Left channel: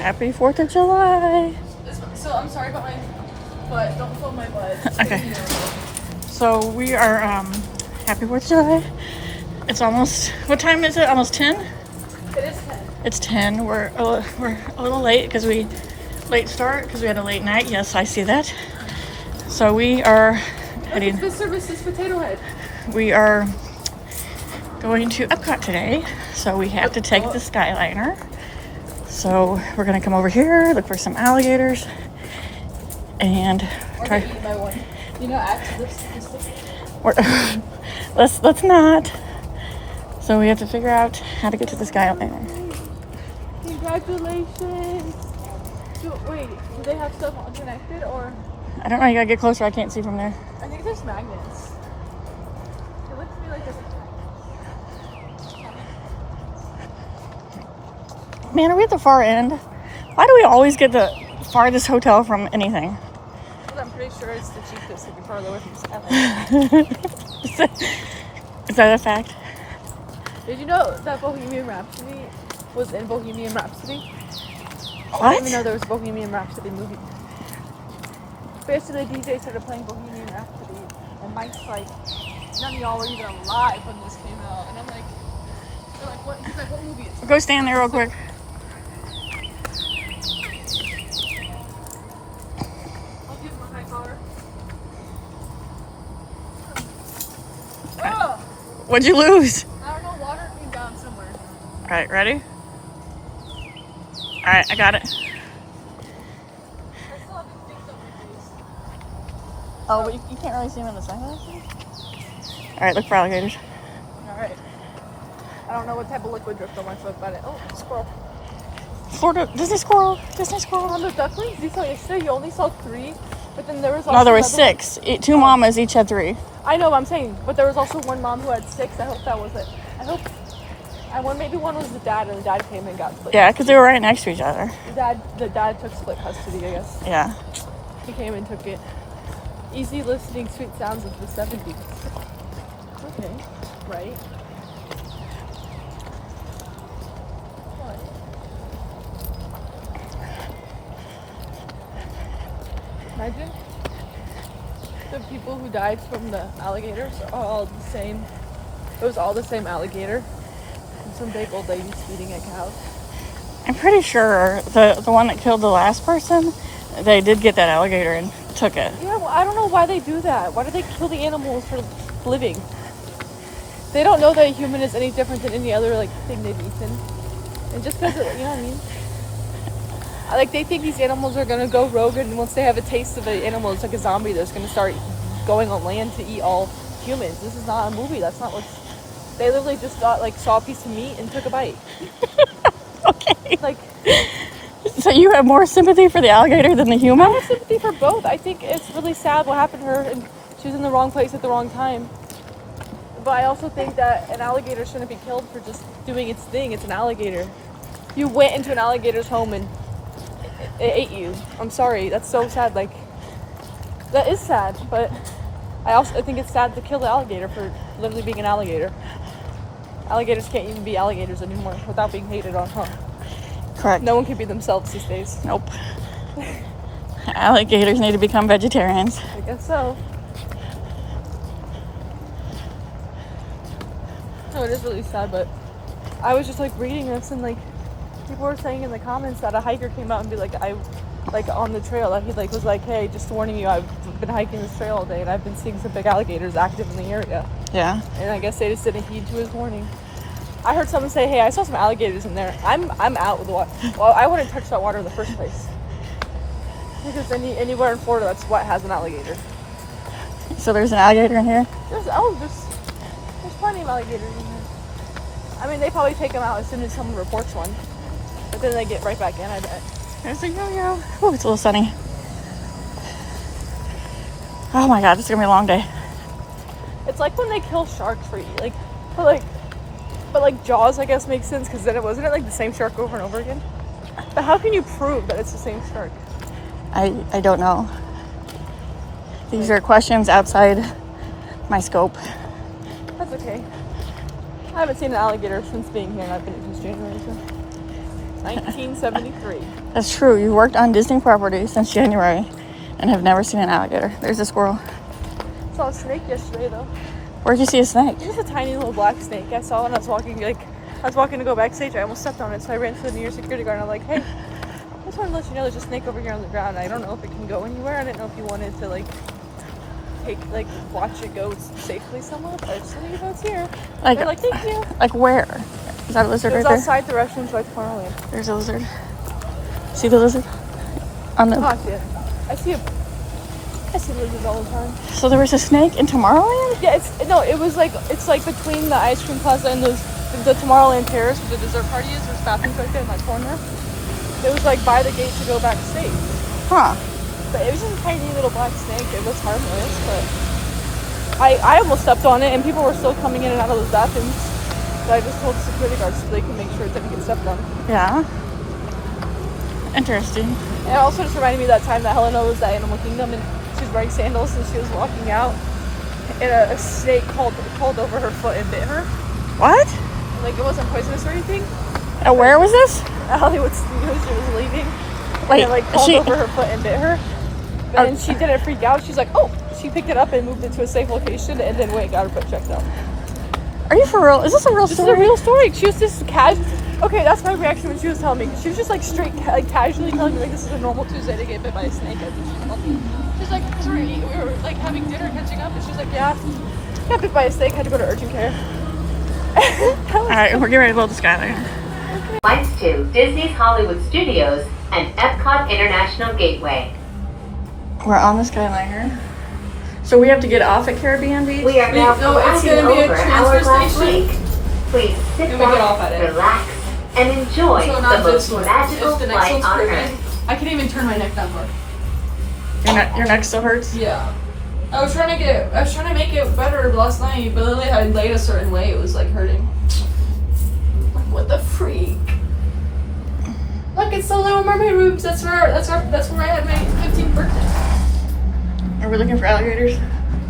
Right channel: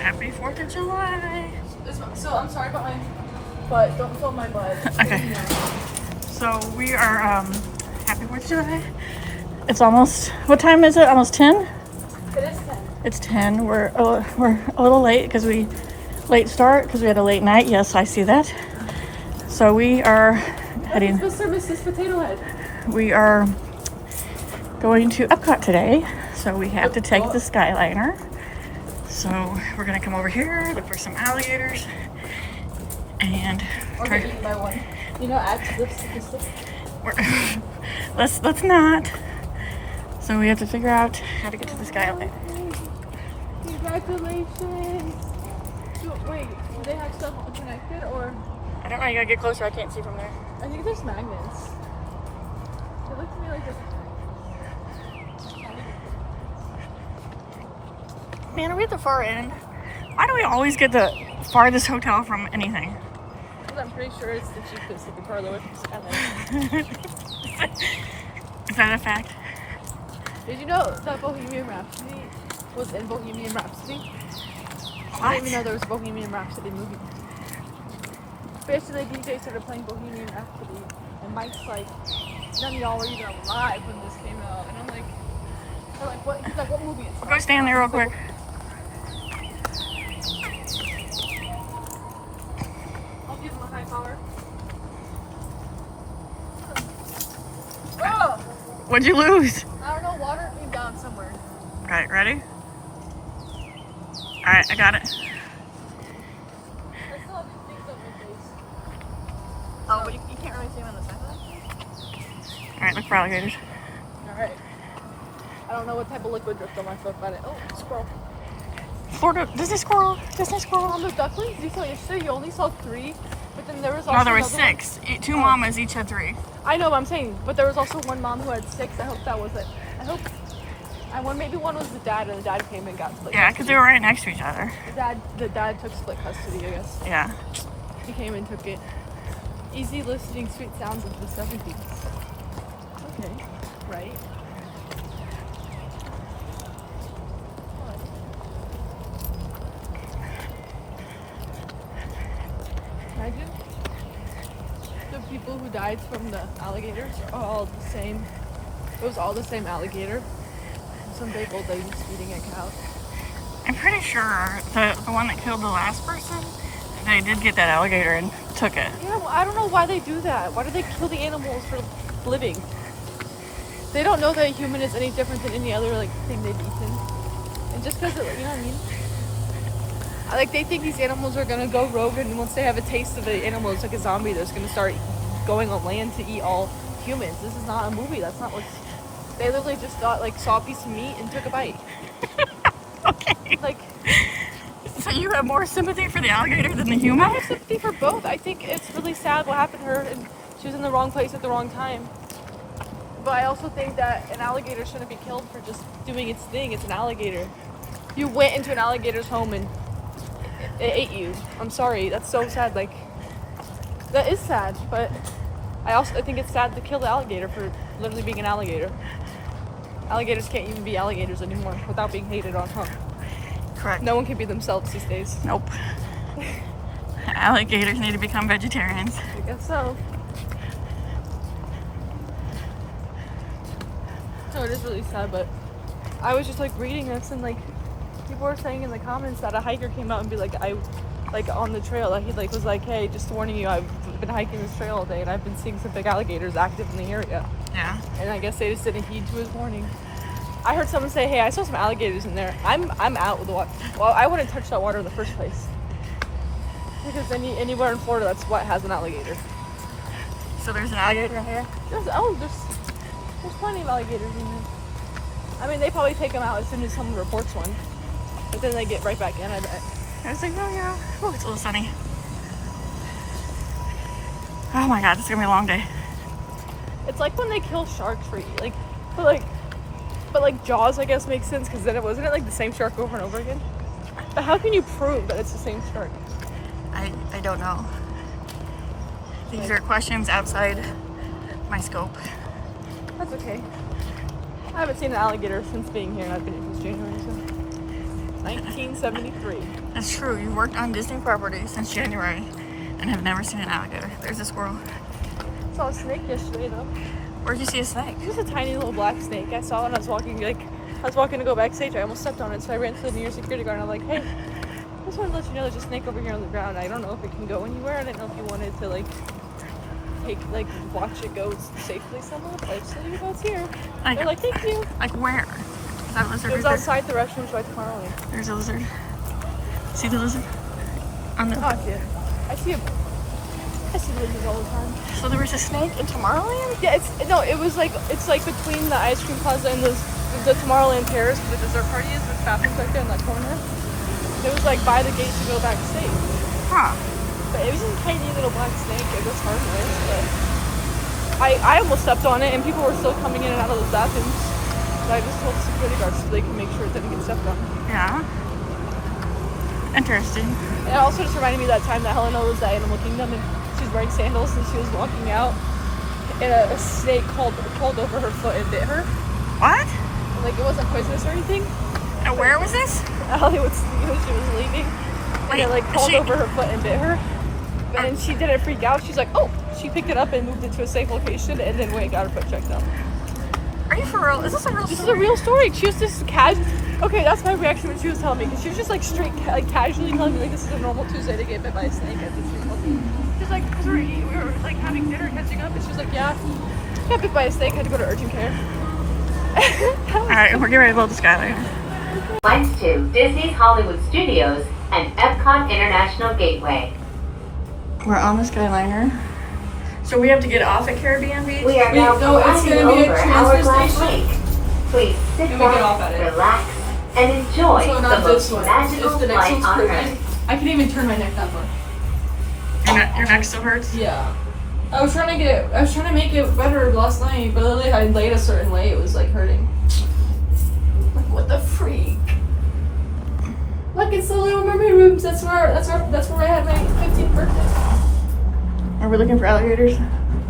Happy 4th of July. So I'm sorry about my butt. Don't film my butt. Okay. So we are happy 4th of July. It's almost, what time is it? Almost 10? It is 10. It's 10. We're a little late because we had a late night. Yes, I see that. So we are heading. Mr. and Mrs. Potato Head. We are going to Epcot today, so we have to take the Skyliner. So we're gonna come over here, look for some alligators, and try to eat by one. You know, add to the statistic. let's not. So we have to figure out how to get to the Skyliner. Congratulations! Wait, do they have stuff connected or? I don't know. You gotta get closer. I can't see from there. I think there's magnets. It looks to me like there's. Man, are we at the far end? Why do we always get the farthest hotel from anything? I'm pretty sure it's the cheapest if you're far away from Skyliner. Is that a fact? Did you know that Bohemian Rhapsody was in Bohemian Rhapsody? What? I didn't even know there was a Bohemian Rhapsody movie. Basically, the DJ started playing Bohemian Rhapsody, and Mike's like, none of y'all were even alive when this came out. And I'm like, they're like, what? He's like, what movie is it? Go stand there real quick. I'll give him a high power. Oh! What'd you lose? I don't know, water came down somewhere. All right, ready? All right, I got it. Oh, but you can't really see them in the sunglasses? All right, look for alligators. Alright. I don't know what type of liquid works on my foot, but oh, squirrel. Florida, Disney squirrel. On the ducklings, you saw yesterday, you only saw 3, but then there was also No, there was another 6. 2 mamas each had 3. I know what I'm saying, but there was also one mom who had 6. I hope that was it. Maybe one was the dad, or the dad came and got split. Yeah, because they were right next to each other. The dad took split custody, I guess. Yeah. He came and took it. Easy listening, sweet sounds of the 70s. Okay, right? Imagine the people who died from the alligators are all the same. It was all the same alligator. And some big old ladies feeding a cow. I'm pretty sure the one that killed the last person, they did get that alligator and took it. Yeah, well, I don't know why they do that. Why do they kill the animals for living? They don't know that a human is any different than any other thing they've eaten. And just because, you know what I mean? They think these animals are gonna go rogue, and once they have a taste of the animal, it's like a zombie that's gonna start going on land to eat all humans. This is not a movie. That's not what's. They literally just saw a piece of meat and took a bite. Okay. So you have more sympathy for the alligator than the human? I have sympathy for both. I think it's really sad what happened to her, and she was in the wrong place at the wrong time. But I also think that an alligator shouldn't be killed for just doing its thing. It's an alligator. You went into an alligator's home and it ate you. I'm sorry. That's so sad. That is sad. But I think it's sad to kill the alligator for literally being an alligator. Alligators can't even be alligators anymore without being hated on, huh? Correct. No one can be themselves these days. Nope. Alligators need to become vegetarians. I guess so. No, it is really sad, but I was just reading this, and people were saying in the comments that a hiker came out and be on the trail that he was hey, just warning you, I've been hiking this trail all day and I've been seeing some big alligators active in the area. Yeah. And I guess they just didn't heed to his warning. I heard someone say, hey, I saw some alligators in there. I'm out with the water. Well, I wouldn't touch that water in the first place. Because anywhere in Florida that's wet has an alligator. So there's an alligator in here? There's plenty of alligators in here. I mean, they probably take them out as soon as someone reports one. But then they get right back in. There's a yo-yo. Oh, it's a little sunny. Oh my god, this is gonna be a long day. It's like when they kill sharks for eating. But Jaws, I guess, makes sense because then it wasn't the same shark over and over again. But how can you prove that it's the same shark? I don't know. These are questions outside my scope. That's okay. I haven't seen an alligator since being here, and I've been here since January. So. 1973. That's true. You worked on Disney property since January and have never seen an alligator. There's a squirrel. I saw a snake yesterday though. Where'd you see a snake? Just a tiny little black snake. I saw when I was walking, to go backstage. I almost stepped on it, so I ran to the nearest security guard and I'm like, hey, I just want to let you know there's a snake over here on the ground. I don't know if it can go anywhere. I didn't know if you wanted to watch it go safely somewhere, but I just want you to know it's here. They're like, thank you. Like where? Is that a lizard It was right there? outside the restaurant right the corner lane. There's a lizard. See the lizard? On the. Oh, I see lizards all the time. So there was a snake in Tomorrowland? Yeah, it's like between the ice cream plaza and the Tomorrowland Terrace where the dessert party is, the bathroom in that corner. It was like by the gate to go backstage. Huh. But it was a tiny little black snake. It was harmless. I almost stepped on it and people were still coming in and out of the bathrooms. But I just told the security guards so they can make sure it didn't get stepped on. Yeah. Interesting. And it also just reminded me of that time that Helena was at Animal Kingdom and she was wearing sandals and she was walking out. And a snake crawled over her foot and bit her. What? Like it wasn't poisonous or anything. Where was this? At Hollywood Studios, she was leaving. Wait, and it crawled over her foot and bit her. And she didn't freak out. She's like, oh. She picked it up and moved it to a safe location and then got her foot checked out. Are you for real? Is this a real story? This is a real story. She was just okay, that's my reaction when she was telling me. She was just like straight, casually telling me like this is a normal Tuesday to get bit by a snake. She's like, sorry, we were like having dinner, catching up, and she's like, yeah, got bit by a snake, had to go to urgent care. Alright, we're getting ready to build the Skyliner. Flights to Disney's Hollywood Studios and Epcot International Gateway. We're on the Skyliner. So we have to get off at Caribbean Beach? We are now it's flying gonna be a over transfer Hourglass station. Lake. Please sit Can we get off back, at it? relax, and enjoy So the not most this one. magical If the next flight one's on Caribbean, Earth. I can even turn my neck that far. Your neck still hurts? Yeah. I was trying to make it better last night, but literally I laid a certain way, it was like hurting. Like what the freak? Look, it's the Little Mermaid rooms. That's where I had my 15th birthday. Are we looking for alligators?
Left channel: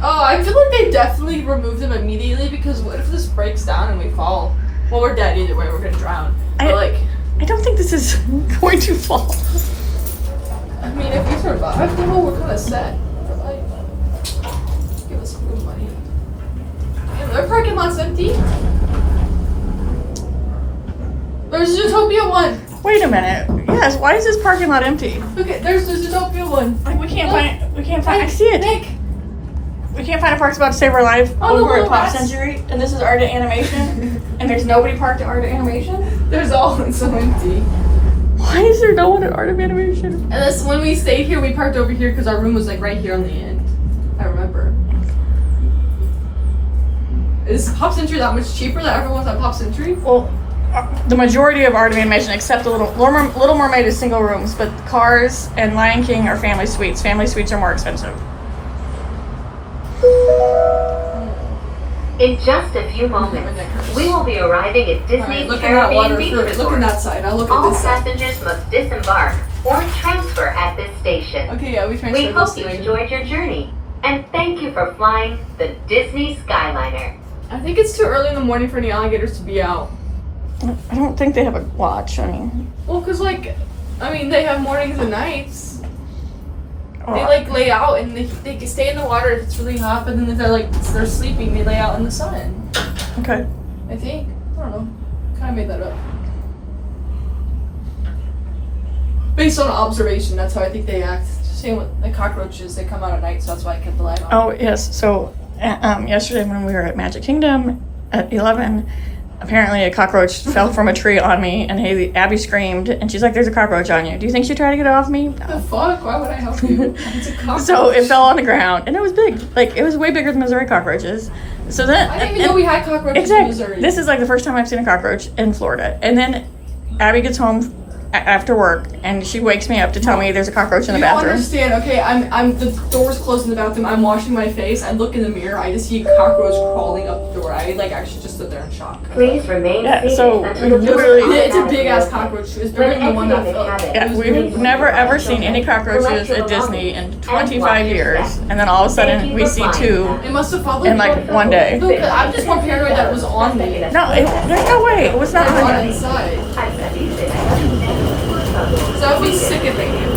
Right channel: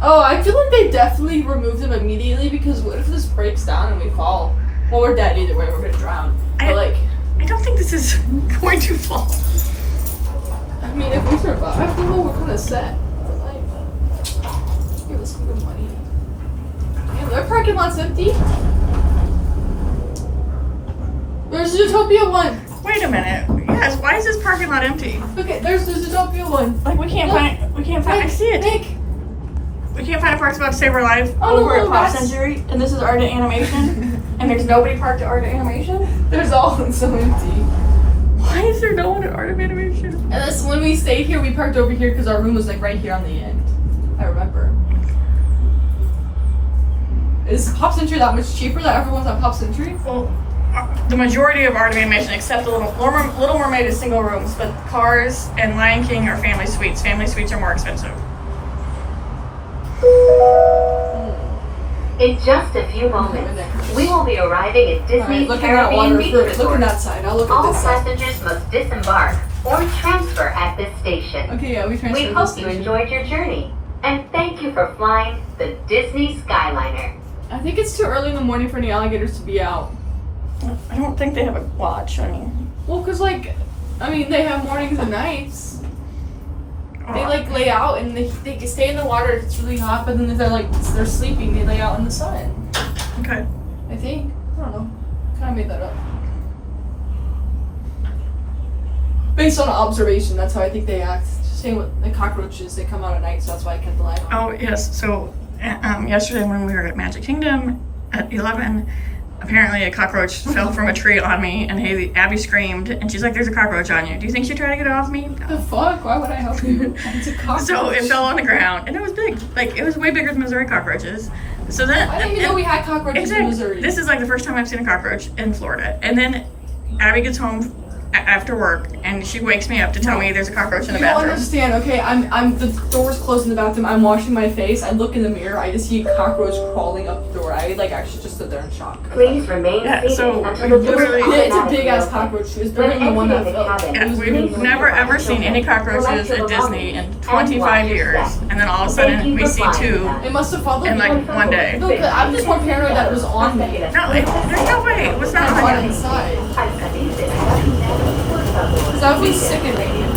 Oh, I feel like they definitely removed them immediately because what if this breaks down and we fall? Well, we're dead either way. We're gonna drown. But like, I don't think this is going to fall. I mean, if we survive, well, we're kind of set. But like, give us some good money. And our parking lot's empty. There's Zootopia 1. Wait a minute. Yes, why is this parking lot empty? Okay, there's Zootopia 1. Like we can't find I see it. Nick. We can't find a park spot to save our life over at Pop Century, and this is Art of Animation, and there's nobody parked at Art of Animation? There's all it's so empty. Why is there no one at Art of Animation? And this when we stayed here, we parked over here because our room was like right here on the end. I remember. Is Pop Century that much cheaper that everyone's at Pop Century? Well, the majority of Art of Animation, except the Little Mermaid is single rooms, but Cars and Lion King are family suites. Family suites are more expensive. In just a few moments, we will be arriving at Disney's Caribbean Beach Resort. Look at that side. I'll look at All this side. passengers must disembark or transfer at this station. Okay, yeah, we transferred We this hope you station. enjoyed your journey, and thank you for flying the Disney Skyliner. I think it's too early in the morning for any alligators to be out. I don't think they have a watch. I mean, Well, cause like, I mean, they have mornings and nights. They oh, like lay out and they can stay in the water if it's really hot, but then if they're sleeping, they lay out in the sun. okay. I think. I don't know. Kind of made that up. Based on observation, that's how I think they act. Same with the cockroaches, they come out at night, so that's why I kept the light on. Oh, yes. So, yesterday when we were at Magic Kingdom at 11, apparently a cockroach fell from a tree on me, and Abby screamed, and she's like, "There's a cockroach on you. Do you think she tried to get it off me?" The No. fuck? Why would I help you? It's a cockroach. So it fell on the ground, and it was big. Like, it was way bigger than Missouri cockroaches. So then, I didn't even know we had cockroaches in Missouri. This is like the first time I've seen a cockroach in Florida. And then Abby gets home after work, and she wakes me up to tell me there's a cockroach in the You don't bathroom. understand, okay? I'm the door's closed in the bathroom. I'm washing my face. I look in the mirror. I just see a cockroach crawling up the door. I like actually just stood there in shock. Please remain Yeah, seated so until the literally- doors Yeah, it's a automatically big ass open. cockroach. It was When bigger than the one that exiting the fell. cabin, Yeah, please we've never ever seen any cockroaches at Disney in 25 years, and then all of a sudden we see two It must have followed in me. like one day. No, 'cause I'm just more paranoid that it was on me. No, there's no way. It was not On on the you. inside. Al salirse de la cabina, That would be sickening.